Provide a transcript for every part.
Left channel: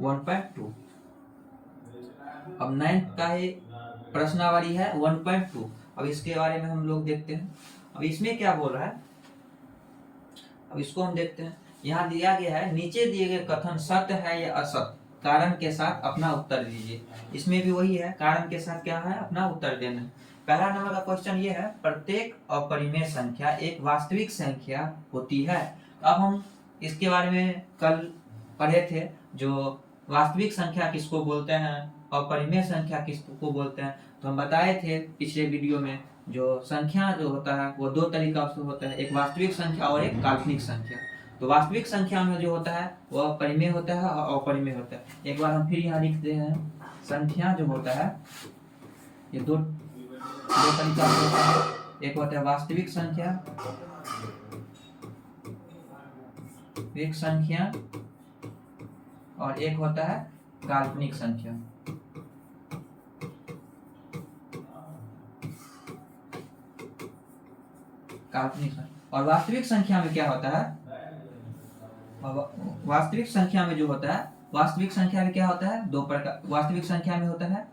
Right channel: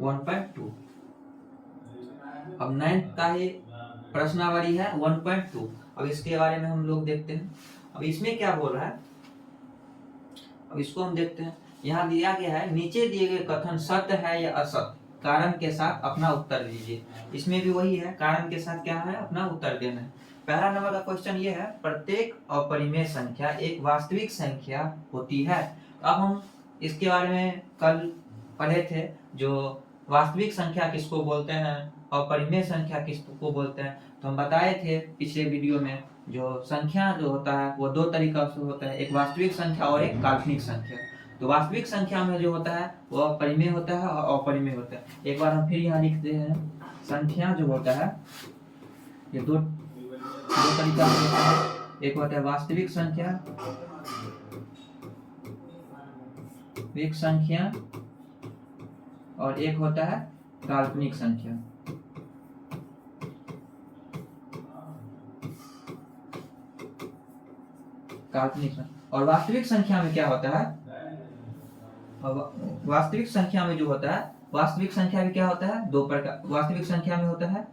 1.2। अब 9th का ही प्रश्नावली है 1.2। अब इसके बारे में हम लोग देखते हैं। अब इसमें क्या बोल रहा है, अब इसको हम देखते हैं। यहाँ दिया गया है, नीचे दिए गए कथन सत्य है या असत्य, कारण के साथ अपना उत्तर दीजिए। इसमें भी वही है, कारण के साथ क्या है, अपना उत्तर देना है। पहला नंबर का क्वेश्चन ये है, प्रत्येक अपरिमेय संख्या एक वास्तविक संख्या होती है। अब हम इसके बारे में कल पढ़े थे, जो वास्तविक संख्या किसको बोलते हैं, अपरिमेय संख्या किसको बोलते हैं। तो हम बताए थे पिछले वीडियो में, जो संख्या जो होता है वो दो तरीका से होता है, एक वास्तविक संख्या और एक काल्पनिक संख्या। तो वास्तविक संख्या में जो होता है वह परिमेय होता है और अपरिमेय होता है। एक बार हम फिर यहाँ लिखते हैं, संख्या जो होता है ये दो तरीका से होता है। एक होता है वास्तविक संख्या, वास्तविक संख्या, और एक होता है काल्पनिक संख्या। काल्पनिक संख्या और वास्तविक संख्या में क्या होता है, वास्तविक संख्या में जो होता है, वास्तविक संख्या में क्या होता है, दो प्रकार। वास्तविक संख्या में होता है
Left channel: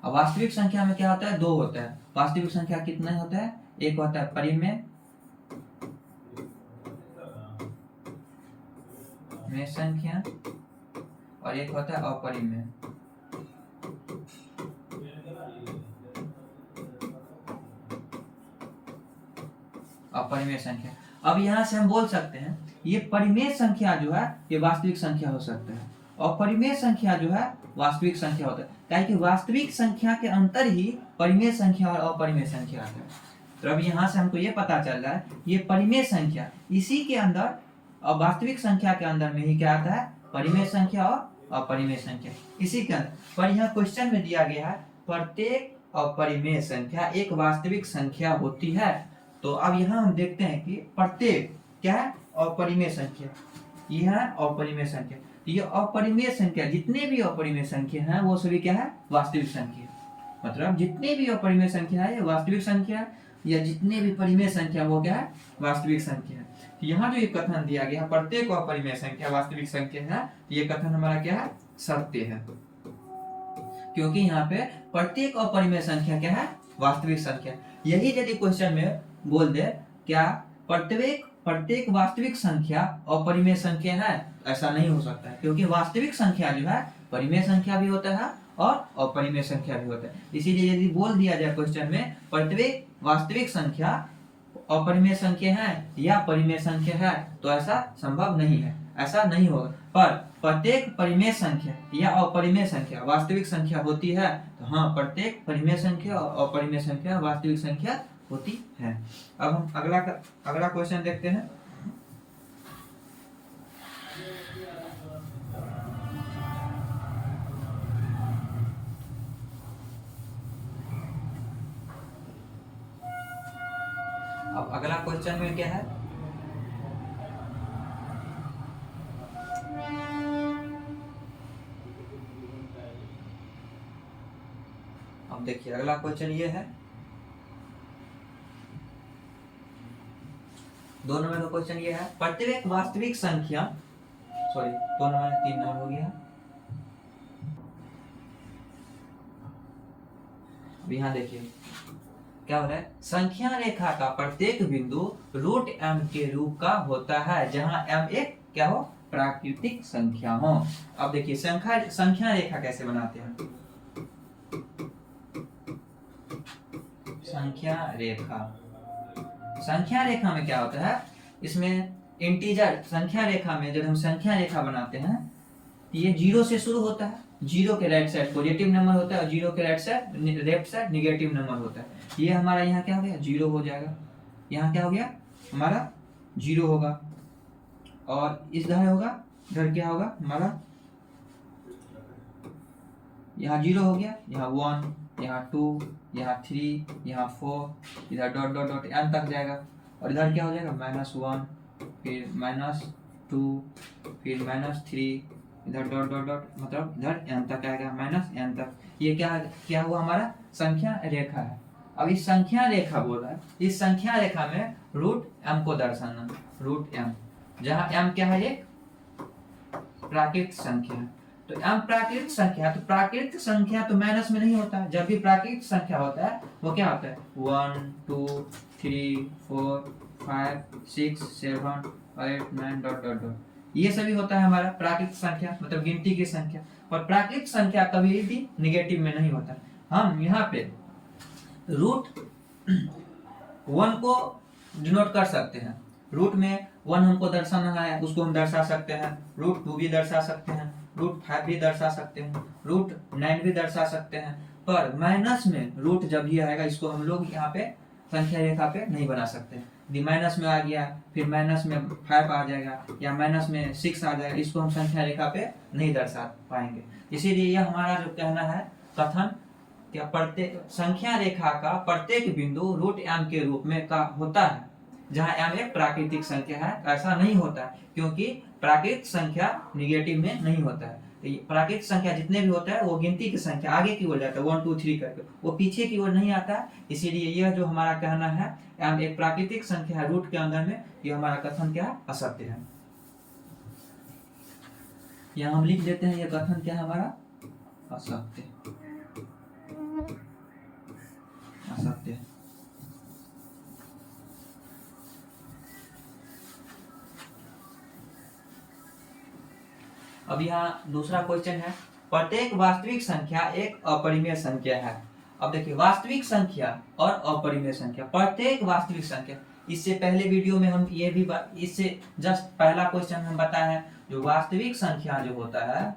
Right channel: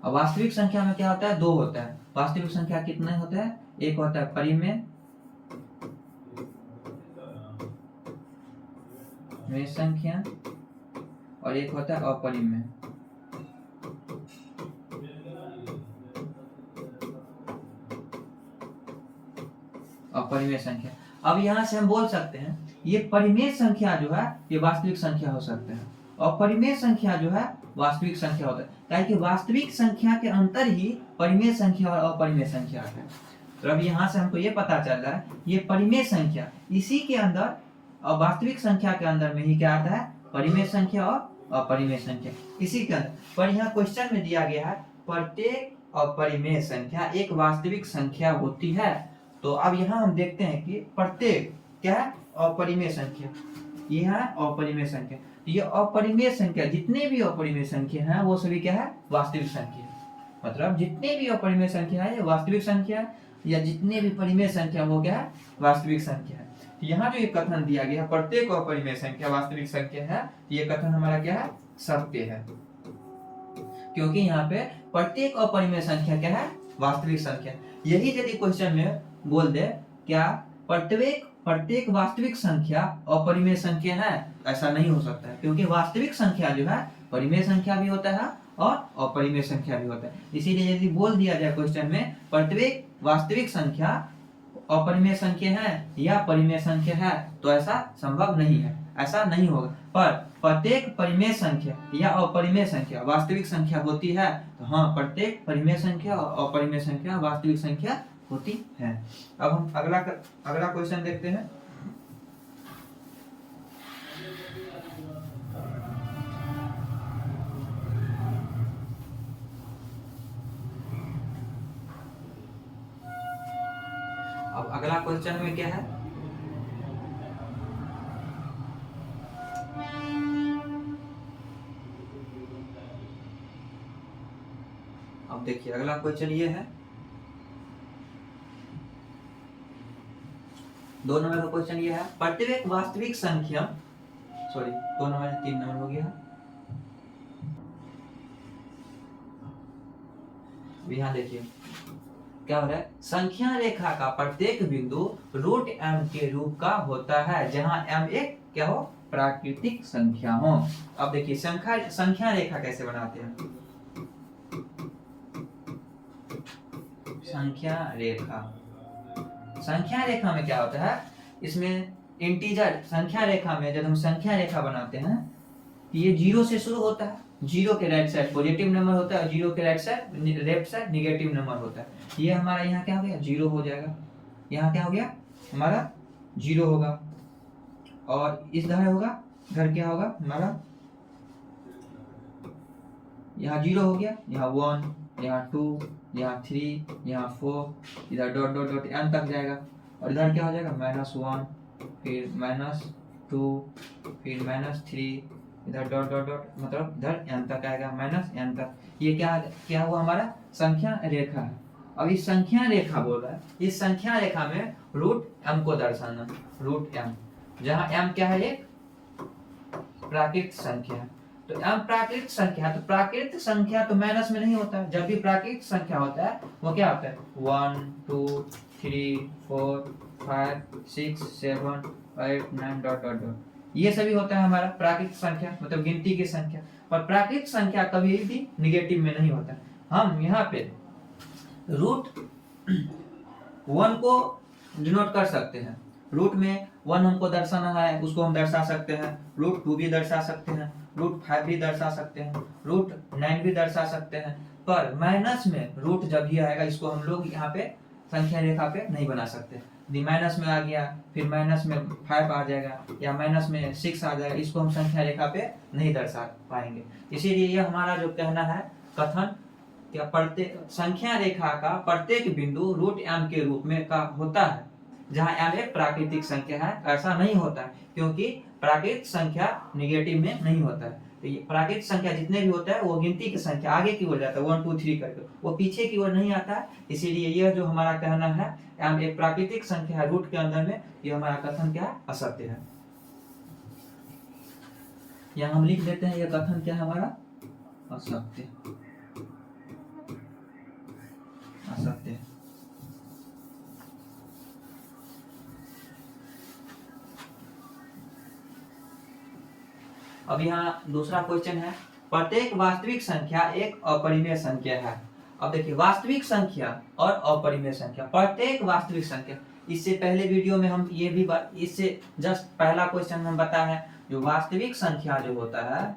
अब वास्तविक संख्या में क्या होता है, दो होता है। वास्तविक संख्या कितने होता है, एक होता है परिमेय में संख्या और एक होता है अपरिमेय। अपरिमेय संख्या। अब यहाँ से हम बोल सकते हैं ये परिमेय संख्या जो है ये वास्तविक संख्या हो सकता है, और परिमेय संख्या जो है वास्तविक संख्या होता है, ताकि कि वास्तविक संख्या के अंतर ही परिमेय संख्या और अपरिमेय संख्या आता है। तो अब यहाँ से हमको ये पता चल रहा है, ये परिमेय संख्या इसी के अंदर और वास्तविक संख्या के अंदर में ही क्या आता है, परिमेय संख्या और अपरिमेय संख्या इसी के अंदर। पर यहाँ क्वेश्चन में दिया गया है प्रत्येक अपरिमेय संख्या एक वास्तविक संख्या होती है। तो अब यहाँ हम देखते हैं कि प्रत्येक क्या है, अपरिमेय संख्या, यह है अपरिमेय संख्या। ये अपरिमेय संख्या, जितने भी अपरिमेय संख्या हैं वो सभी क्या है, वास्तविक संख्या। मतलब जितने भी अपरिमेय संख्या है ये वास्तविक संख्या, या जितने भी परिमेय संख्या वो क्या है, वास्तविक संख्या है। तो यहाँ जो ये कथन दिया गया है प्रत्येक अपरिमेय संख्या वास्तविक संख्या है, ये कथन हमारा क्या है, सत्य है। क्योंकि यहाँ पे प्रत्येक अपरिमेय संख्या क्या है, वास्तविक संख्या। यही यदि क्वेश्चन में बोल दे क्या प्रत्येक वास्तविक संख्या अपरिमेय संख्या है, ऐसा नहीं हो सकता है, क्योंकि वास्तविक संख्या जो है परिमेय संख्या भी होता है और अपरिमेय संख्या भी होता है। इसीलिए यदि बोल दिया जाए क्वेश्चन में प्रत्येक वास्तविक संख्या अपरिमेय संख्या है या परिमेय संख्या है, तो ऐसा संभव नहीं है, ऐसा नहीं होगा। पर प्रत्येक परिमेय संख्या या अपरिमेय संख्या वास्तविक संख्या होती है, तो हाँ प्रत्येक परिमेय संख्या और अपरिमेय संख्या वास्तविक संख्या होती है। अब हम अगला क्वेश्चन देखते हैं। अब अगला क्वेश्चन में क्या है, अब देखिए अगला क्वेश्चन ये है, 2 नंबर का क्वेश्चन ये है, प्रत्येक वास्तविक संख्या, सॉरी 2 नंबर 3 नंबर हो गया। यहाँ देखिए क्या हो रहा है, संख्या रेखा का प्रत्येक बिंदु √m के रूप का होता है, जहां m एक क्या हो, प्राकृतिक संख्या हो। अब देखिए संख्या रेखा कैसे बनाते हैं, संख्या रेखा में क्या होता है, इसमें इंटीजर संख्या रेखा में जब हम संख्या रेखा बनाते हैं तो ये 0 से शुरू होता है, 0 के राइट साइड पॉजिटिव नंबर होता है और 0 के लेफ्ट साइड निगेटिव नंबर होता है। ये हमारा यहाँ क्या हो गया, 0 हो जाएगा, यहाँ क्या हो गया हमारा 0 होगा, और इधर होगा, इधर क्या होगा हमारा, यहाँ 0 हो गया, यहाँ 1, यहाँ 2, यहाँ 3, यहाँ 4, इधर डॉट डॉट डॉट n तक जाएगा, और इधर क्या हो जाएगा -1, फिर -2, फिर -3, इधर डॉट डॉट डॉट, मतलब इधर n तक आएगा माइनस n तक। ये क्या क्या हुआ हमारा संख्या रेखा है। अब इस संख्या रेखा बोल रहा है, इस संख्या रेखा में रूट m को दर्शाना, रूट m, जहाँ m क्या है, एक प्राकृतिक संख्या। तो m प्राकृतिक संख्या, तो प्राकृतिक संख्या तो माइनस में नहीं होता है। जब भी प्राकृतिक संख्या होता है वो क्या होता है 1 2 3 4 5 6 7 8 9 डॉट डॉट डॉट, ये सभी होता है हमारा प्राकृतिक संख्या, मतलब गिनती की संख्या। और प्राकृतिक संख्या कभी भी निगेटिव में नहीं होता है। हम यहाँ पे रूट 1 को डिनोट कर सकते हैं, रूट में 1 हमको दर्शाना है, उसको हम दर्शा सकते हैं। रूट 2 भी दर्शा सकते हैं, रूट 5 भी दर्शा सकते हैं, रूट 9 भी दर्शा सकते हैं। पर माइनस में रूट जब भी आएगा, इसको हम लोग यहाँ पे संख्या रेखा पे नहीं बना सकते। यदि माइनस में आ गया, फिर माइनस में 5 आ जाएगा, या माइनस में 6 आ जाएगा, इसको हम संख्या रेखा पे नहीं दर्शा पाएंगे। इसीलिए यह हमारा जो कहना है कथन, क्या प्रत्येक संख्या रेखा का प्रत्येक बिंदु रूट m के रूप में का होता है, जहाँ m एक प्राकृतिक संख्या है। ऐसा नहीं होता है, क्योंकि प्राकृतिक संख्या निगेटिव में नहीं होता है। तो ये प्राकृतिक संख्या जितने भी होता है वो गिनती की संख्या आगे की ओर जाता है, 1 2 3 करके, वो पीछे की ओर नहीं आता है। इसीलिए यह जो हमारा कहना है m एक प्राकृतिक संख्या है रूट के अंदर में, यह हमारा कथन क्या है, असत्य है। यहाँ हम लिख देते हैं, यह कथन क्या है हमारा, असत्य, असत्य। अब यहाँ दूसरा क्वेश्चन है, प्रत्येक वास्तविक संख्या एक अपरिमेय संख्या है। अब देखिए वास्तविक संख्या और अपरिमेय संख्या, प्रत्येक वास्तविक संख्या, इससे पहले वीडियो में हम ये भी इससे जस्ट पहला क्वेश्चन हम बताए हैं, जो वास्तविक संख्या जो होता है,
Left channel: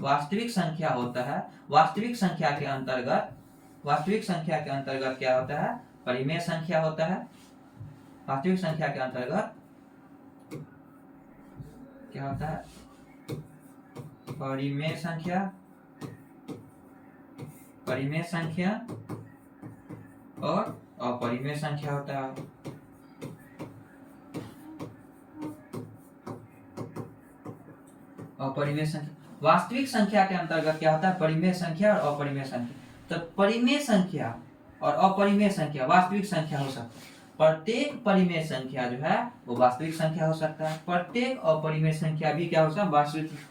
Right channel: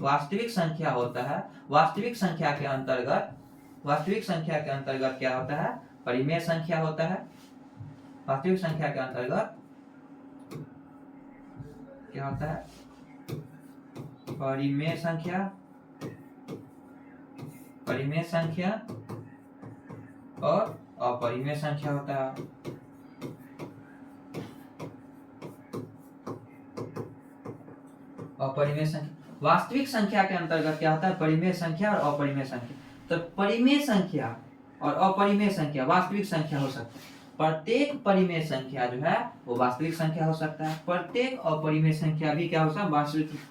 वास्तविक संख्या होता है, वास्तविक संख्या के अंतर्गत, वास्तविक संख्या के अंतर्गत क्या होता है, परिमेय संख्या होता है। वास्तविक संख्या के अंतर्गत क्या होता है, परिमेय संख्या, परिमेय संख्या और अपरिमेय संख्या होता है। अपरिमेय संख्या, वास्तविक संख्या के अंतर्गत क्या होता है, परिमेय संख्या और अपरिमेय संख्या। तो परिमेय संख्या और अपरिमेय संख्या वास्तविक संख्या हो सकता है। प्रत्येक परिमेय संख्या जो है वो वास्तविक संख्या हो सकता है, प्रत्येक अपरिमेय संख्या भी क्या हो सकता है,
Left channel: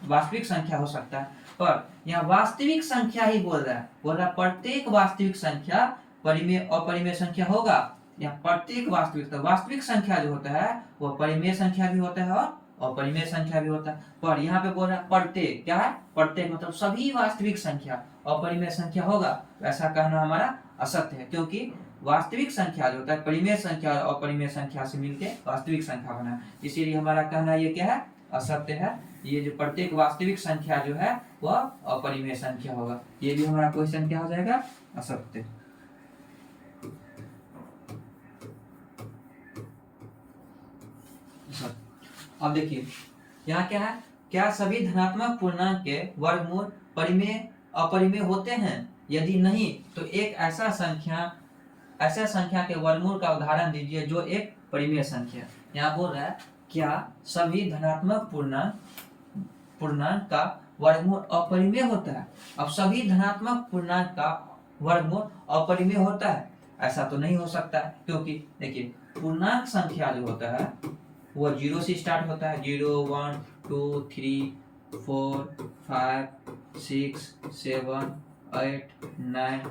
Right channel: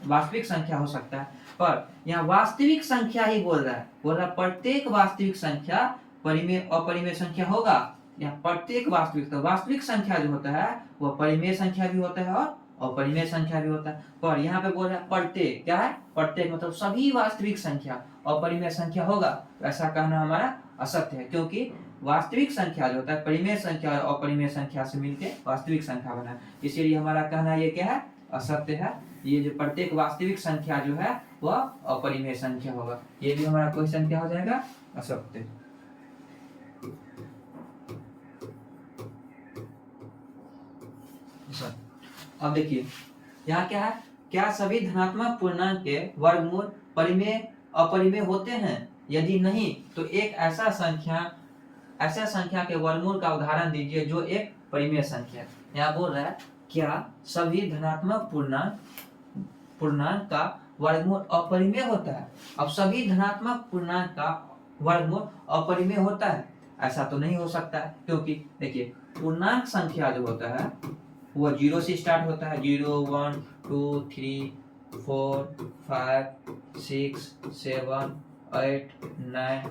वास्तविक संख्या हो सकता है। पर यहाँ वास्तविक संख्या ही बोल रहा है प्रत्येक वास्तविक संख्या परिमेय अपरिमेय संख्या होगा। यहाँ प्रत्येक वास्तविक, तो वास्तविक संख्या जो होता है वो परिमेय संख्या भी होता है और अपरिमेय संख्या भी होता है। पर यहाँ पे बोल रहा है प्रत्येक, क्या है, प्रत्येक मतलब सभी वास्तविक संख्या अपरिमेय संख्या होगा। ऐसा कहना हमारा असत्य है, क्योंकि वास्तविक संख्या जो होता है परिमेय संख्या और अपरिमेय संख्या से मिलकर वास्तविक संख्या बना है। इसीलिए हमारा कहना ये क्या है, असत्य है। ये जो प्रत्येक वास्तविक संख्या जो है वह अपरिमेय संख्या होगा। ये भी हमारा क्वेश्चन क्या हो जाएगा, असत्य। अब देखिए यहाँ क्या है, क्या सभी धनात्मक पूर्णांक के वर्गमूल परिमेय अपरिमेय होते हैं? यदि नहीं तो एक ऐसा संख्या के वर्गमूल का उदाहरण दीजिए जो एक परिमेय संख्या। यहाँ बोल रहा है क्या सभी धनात्मक पूर्णांक का वर्गमूल अपरिमेय होता है? अब सभी धनात्मक पूर्णांक का वर्गमूल अपरिमेय होता है, ऐसा तो नहीं हो सकता है, क्योंकि देखिए पूर्णांक संख्या जो होता है वो 0 से स्टार्ट होता है, 0 1 2 3 4 5 6 7 8 9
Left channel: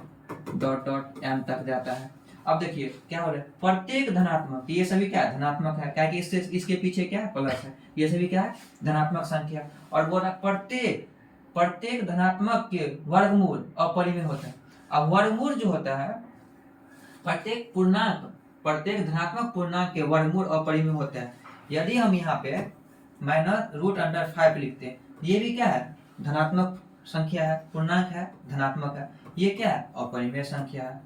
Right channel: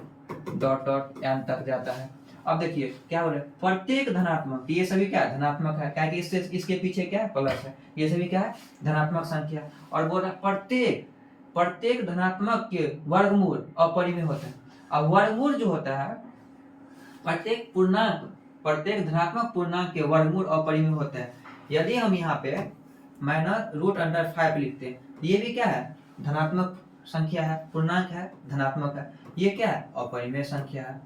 डॉट डॉट m तक जाता है। अब देखिए क्या हो रहा है, प्रत्येक धनात्मक, ये सभी क्या है, धनात्मक है, क्या कि इससे इसके पीछे क्या है, प्लस है, ये सभी क्या है, धनात्मक संख्या। और बोल रहा प्रत्येक धनात्मक के वर्गमूल अपरिमेय होता है। अब वर्गमूल जो होता है प्रत्येक धनात्मक पूर्णांक के वर्गमूल अपरिमेय होता है। यदि हम यहाँ पे -√5 लिखते हैं, ये भी क्या है, धनात्मक संख्या है, पूर्णांक है, धनात्मक है, ये क्या है, अपरिमेय संख्या है,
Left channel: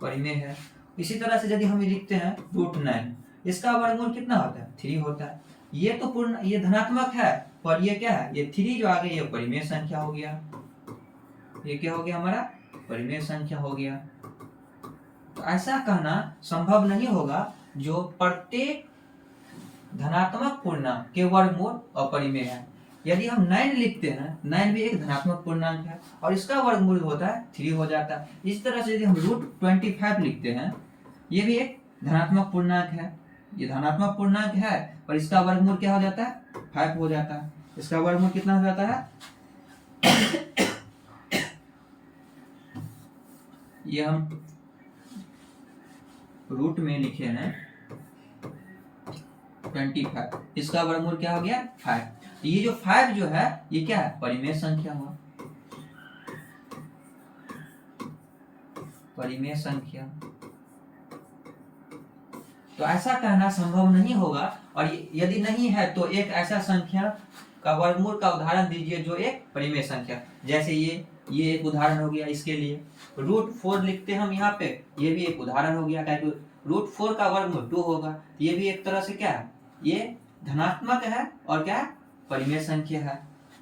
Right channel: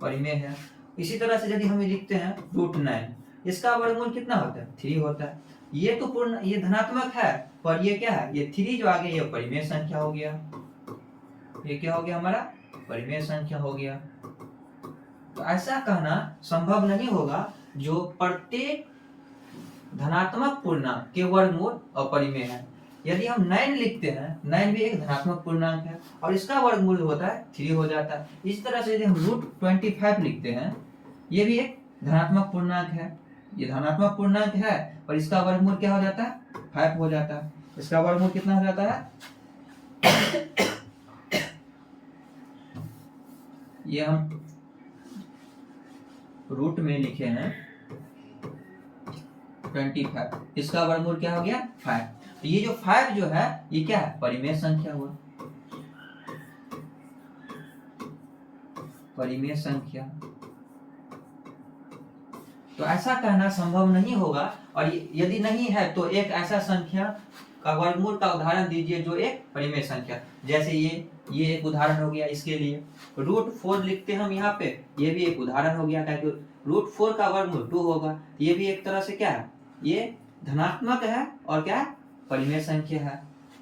परिमेय है। इसी तरह से यदि हम लिखते हैं √9, इसका वर्गमूल कितना होता है, 3 होता है। ये तो ये धनात्मक है, पर ये क्या है, ये 3 जो आगे ये परिमेय संख्या हो गया। ये क्या हो गया हमारा, परिमेय संख्या हो गया। तो ऐसा कहना संभव नहीं होगा जो प्रत्येक धनात्मक पूर्णांक के वर्गमूल अपरिमेय है। यदि हम 9 लिखते हैं, 9 भी एक धनात्मक पूर्णांक है और इसका वर्गमूल होता है 3 हो जाता है। इस तरह से यदि हम √25 लिखते हैं, ये भी एक धनात्मक पूर्णांक है, ये धनात्मक पूर्णांक है और इसका वर्गमूल क्या हो जाता है, 5 हो जाता है। इसका वर्गमूल कितना हो जाता है, ये हम रूट में लिखे हैं 25, इसका वर्गमूल क्या हो गया 5। तो ये जो 5 जो है ये क्या है, परिमेय संख्या हुआ, परिमेय संख्या। तो ऐसा कहना संभव नहीं होगा, और यदि नहीं है तो एक ऐसा संख्या का वर्गमूल का उदाहरण दीजिए जो एक परिमेय संख्या। जैसे ये एक उदाहरण हो गया इसके लिए। √4 लिखते हैं हम यहाँ पे, ये भी एक उदाहरण हो गया, ताकि √4 का वर्गमूल 2 होगा। ये भी एक तरह से क्या है, ये धनात्मक है और क्या है, परिमेय संख्या है।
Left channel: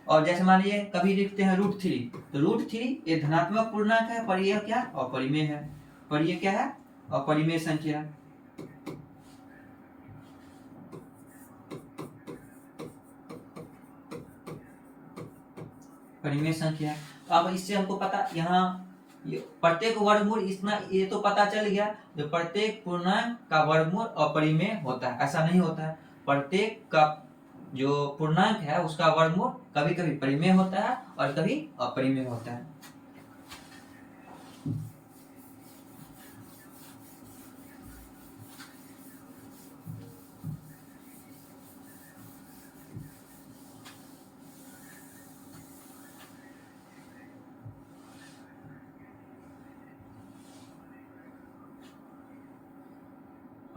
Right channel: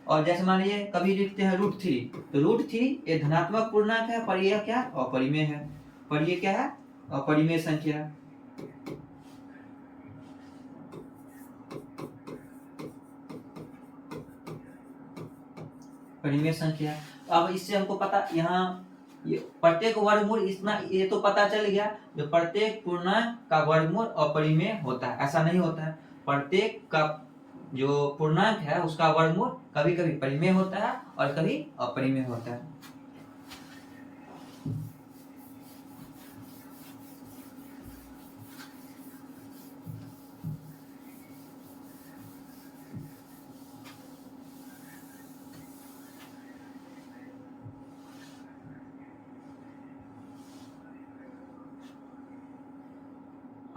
और जैसे मान लीजिए कभी लिखते हैं √3, तो √3 ये धनात्मक पूर्णांक है, पर यह क्या अपरिमेय है, पर ये क्या है, अपरिमेय संख्या है। परिमेय संख्या। अब इससे हमको पता, यहाँ ये प्रत्येक वर्गमूल इतना, ये तो पता चल गया जो प्रत्येक पूर्णांक का वर्गमूल अपरिमेय होता है। ऐसा नहीं होता है, प्रत्येक का जो पूर्णांक है उसका वर्गमूल कभी कभी परिमेय होता है और कभी अपरिमेय होता है।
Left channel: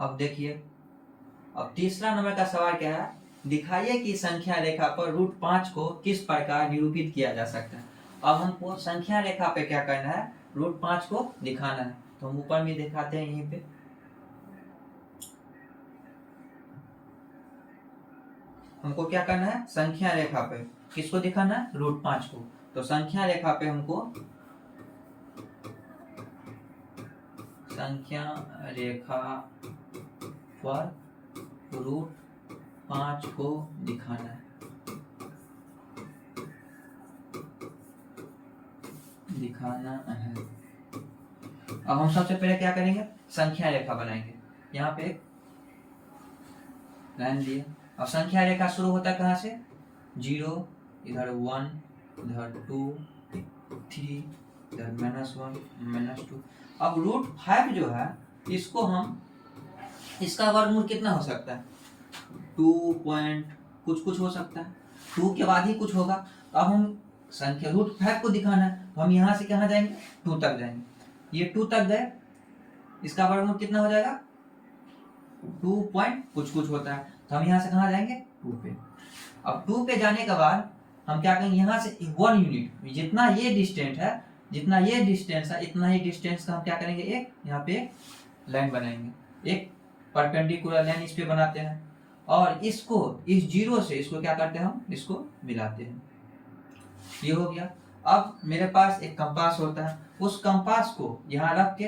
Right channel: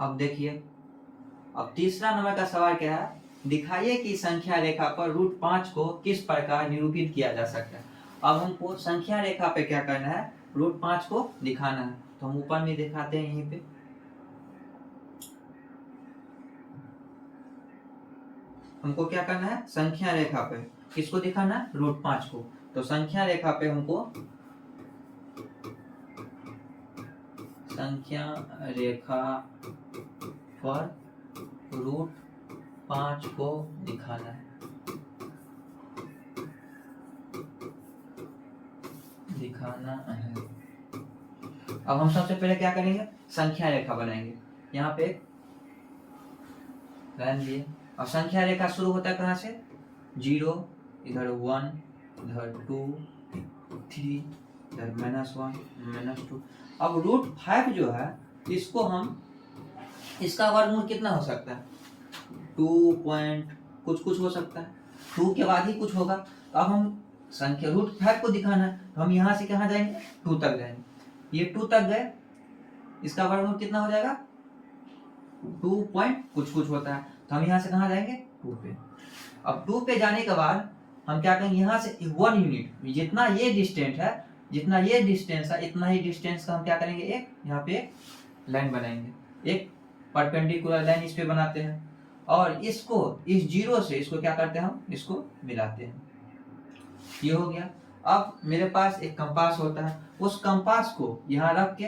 अब देखिए, अब तीसरा नंबर का सवाल क्या है, दिखाइए कि संख्या रेखा पर √5 को किस प्रकार निरूपित किया जा सकता है। अब हमको संख्या रेखा पे क्या करना है, √5 को दिखाना है। तो हम ऊपर में दिखाते हैं, यहीं पे हमको क्या करना है, संख्या रेखा पे किसको दिखाना है, √5 को। तो संख्या रेखा पे हमको संख्या रेखा पर √5 को दिखाना है, अब हम सबसे पहले क्या करेंगे, संख्या रेखा बनाएंगे। यहाँ पे लाइन लिए, और संख्या रेखा शुरू होता है कहाँ से, 0, इधर 1, इधर 2, 3, इधर -1, -2। अब √5 जो है इसको हम, इसका वर्गमूल कितना हो सकता है, 2 पॉइंट कुछ हो सकता है, 2 के बाद ही कुछ होगा। तो अब हम संख्या √5 को दिखाना है, तो हम यहाँ से कहाँ जाएंगे, 2 तक जाएंगे। ये 2 तक गए, इसका वर्गमूल कितना हो जाएगा, 2 पॉइंट कुछ होता है। तो हम यहाँ से कहाँ जाएंगे, 2 पे। अब 2 पे जाने के बाद हम क्या करेंगे, यहाँ से 1 यूनिट, जितना ये डिस्टेंस है, जितना ये डिस्टेंस है, इतना ही डिस्टेंस का हम क्या करेंगे, एक यहाँ पे लाइन बनाएंगे, एक परपेंडिकुलर लाइन इस पे बनाते हैं, और इसको इस 0 से इसको क्या करते हैं, हम इसको मिलाते हैं। ये हो गया। अब मेरे पास एक कंपास होता है, उस कंपास को यहाँ रख के,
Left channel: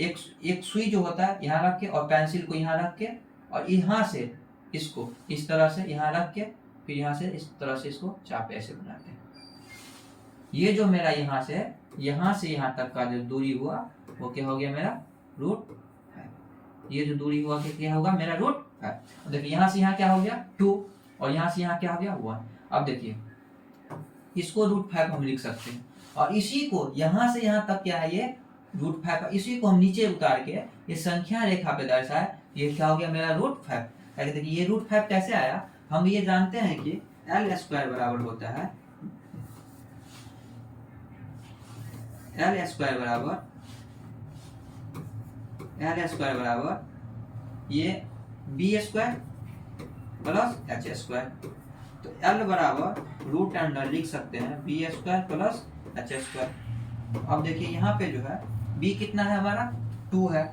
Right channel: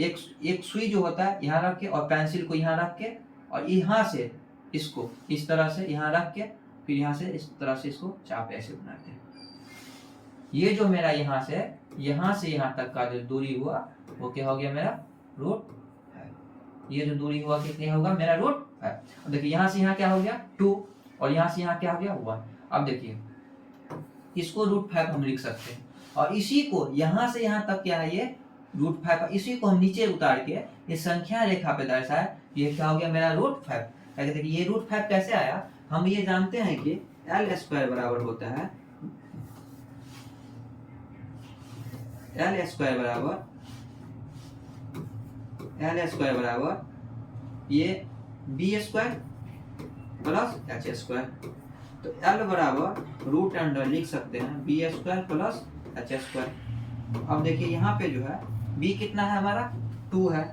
एक सुई जो होता है यहाँ रख के, और पेंसिल को यहाँ रख के, और यहाँ से इसको इस तरह से यहाँ रख के, फिर यहाँ से इस तरह से इसको चाप ऐसे बनाते हैं। ये जो मेरा यहाँ से यहाँ तक का जो दूरी हुआ वो क्या हो गया, मेरा √5। ये जो दूरी हुआ क्या होगा, मेरा √5। देखिए यहाँ से यहाँ क्या हो गया, 2, और यहाँ से यहाँ क्या हो गया, 1। अब देखिए इसको √5 हम लिख सकते हैं, और इसी को यहाँ से यहाँ तक क्या है, ये √5, इसी को हम नीचे उतार के ये संख्या रेखा पे दर्शाया, ये क्या हो गया, मेरा √5। देखिए ये √5 कैसे आया, हम ये जानते हैं कि L² बराबर होता है, L² बराबर ये B² प्लस H²। तो L बराबर √अंडर लिख सकते हैं B² प्लस H²। अब देखिए यहाँ पे जो है B कितना है हमारा, 2 है,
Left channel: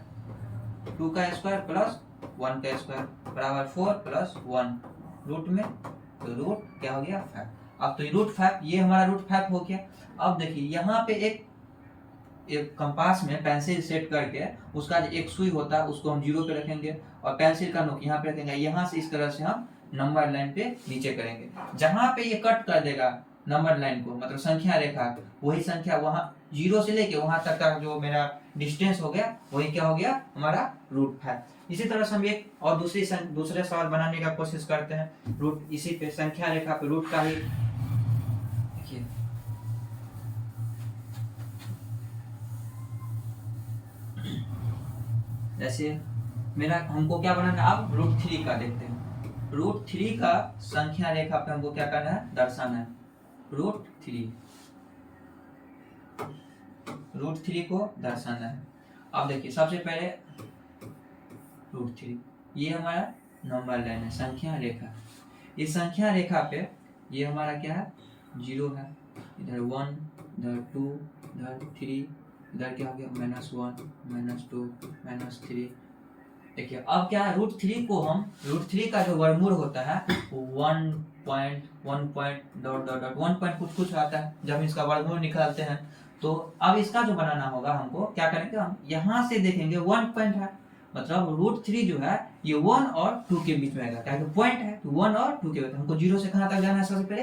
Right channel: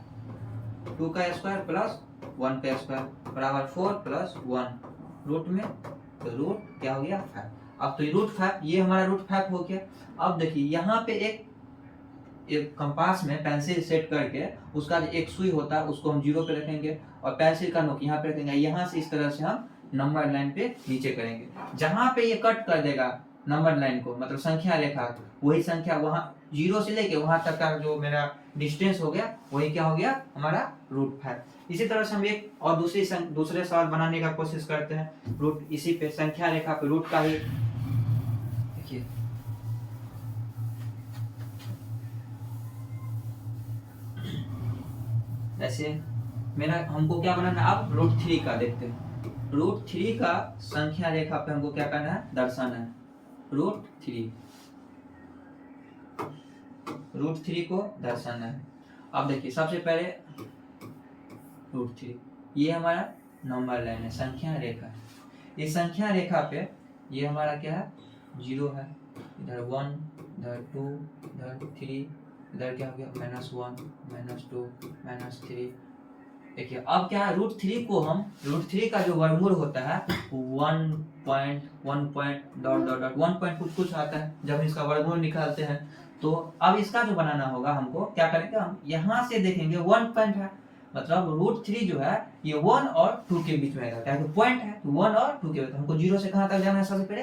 2 का स्क्वायर प्लस 1 का स्क्वायर बराबर 4 प्लस 1 रूट में, तो रूट क्या हो गया 5। अब तो √5 ये हमारा √5 हो गया। अब देखिए यहाँ पे एक कंपास में पेंसिल सेट करके उसका जो एक सुई होता है उसको हम 0 पे रखेंगे, और पेंसिल का नोक यहाँ पे रखेंगे, यहाँ से इस तरह से हम नंबर लाइन पे नीचे करेंगे। जहां पे ये कट कर देगा नंबर लाइन को, मतलब संख्या रेखा, वही संख्या वहां 0 से लेके वहां तक का जो मेरा डिस्टेंस हो गया वही क्या हो गया हमारा √5। इसी तरह से हम एक और दूसरे सवाल बनाने का कोशिश करते हैं। रूट इसी पे संख्या रेखा पे रूट का ही देखिए, जैसे मेरा हमको क्या बनाना है अब √3 का देखते हैं। √3 का संख्या रेखा पे हमको क्या करना है दर्शाना है। √3 को दर्शाना है। अब देखिए सबसे पहले √3 ये हमारा नंबर लाइन है, संख्या रेखा। इस संख्या रेखा पे ये हमारा क्या है 0 है, इधर 1, इधर 2, इधर 3, इधर क्या हो गया -1, -2, -3। देखिए अब क्या है √3 को हम √3 का जो वर्गमूल होता है 1 पॉइंट कुछ कुछ आता है जब इसका वर्गमूल निकालते हैं। तो अब इसका जो बनाना होगा हमको क्या करेंगे, हम यहाँ से देखेंगे 1 पॉइंट है, मतलब √3 जो है ये 1 और 2 के बीच में आएगा, क्या है पॉइंट है तो 1 और 2 के बीच में। हमको 0 से कहाँ तक जाना है, सबसे पहले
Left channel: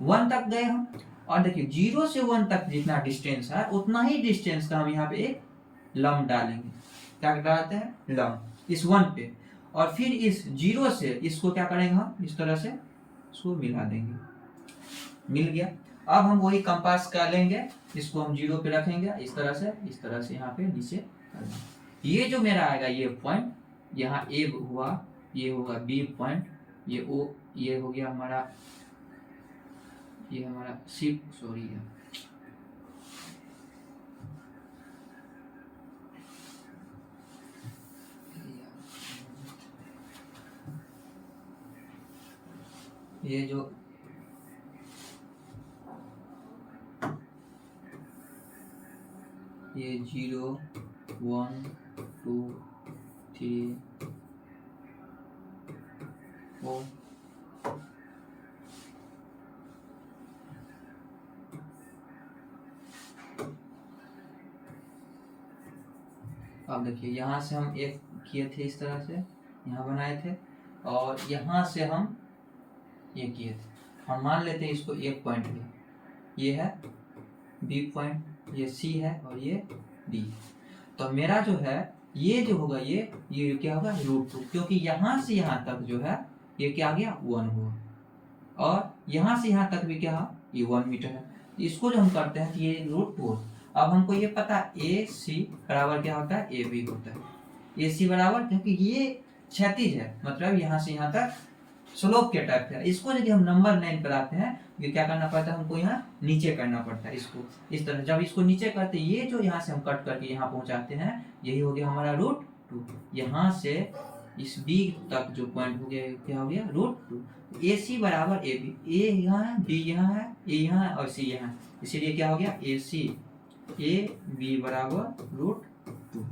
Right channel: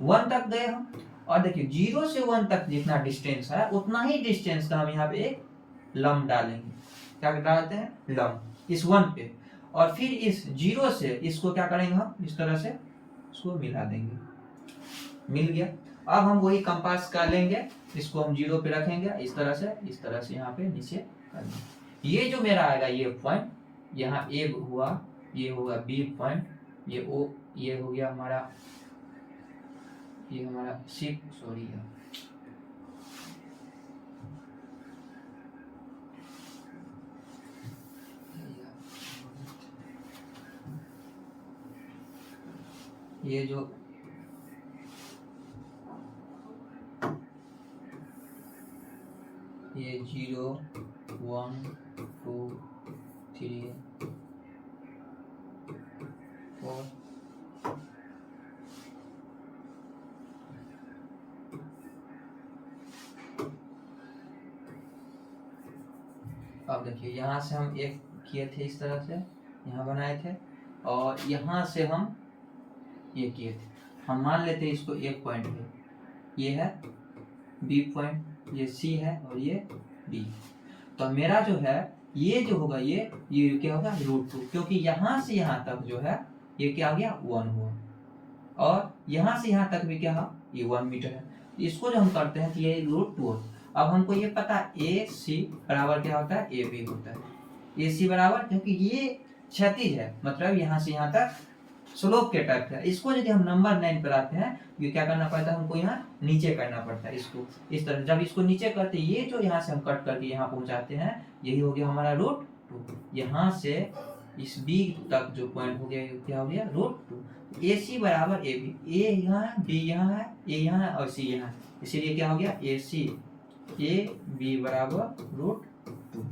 1 तक गए हम। और देखिए 0 से 1 तक जितना डिस्टेंस है उतना ही डिस्टेंस का हम यहाँ पे एक लंब डालेंगे। क्या डालते हैं लंब इस 1 पे, और फिर इस 0 से इसको क्या करेंगे हम इस तरह से इसको मिला देंगे, मिल गया। अब हम वही कंपास का लेंगे, इसको हम 0 पे रखेंगे, इस तरह से यहाँ पे नीचे कर देंगे। ये जो मेरा आएगा ये पॉइंट, यहाँ ए हुआ, ये होगा बी पॉइंट, ये ओ, ये हो गया हमारा, ये हमारा सी, सॉरी ये जो ये 0, 1, 2, 3, 4, अब देखिए यहाँ से हम एक किए थे इस तरह से, यहाँ बनाए थे, और यहाँ से हम ये किए थे। हम मान लेते हैं इसको एक पॉइंट है, ये है बी पॉइंट, ये सी है और ये डी। तो मेरा जो है ये जो होगा ये क्या होगा √2, क्योंकि यहाँ से यहाँ तक जो है ये क्या आ गया 1 हुआ, और यहाँ से यहाँ तक भी क्या है ये 1 मीटर है। इसको जो हम करते हैं तो ये √2। अब हमको ये पता है ए सी बराबर क्या होता है ए बी होता है। ए सी बराबर, क्योंकि ये क्षैतिज है, मतलब यहाँ से यहाँ तक स्लोप के टाइप है। इसको यदि हम नंबर 9 पर आते हैं ये क्या करना पड़ता है हमको यहाँ नीचे करना पड़ता है इसको इस तरह। जब इसको नीचे करते ये जो यहाँ से हम कट करके यहाँ पहुँचाते हैं यही हो गया हमारा √2। यहाँ से इस बी तक जो पॉइंट हो गया क्या हो गया √2। ए सी बराबर ए बी, ए यहाँ है बी यहाँ है ए यहाँ है और सी यहाँ है, इसीलिए क्या हो गया ए सी ए बी बराबर √2।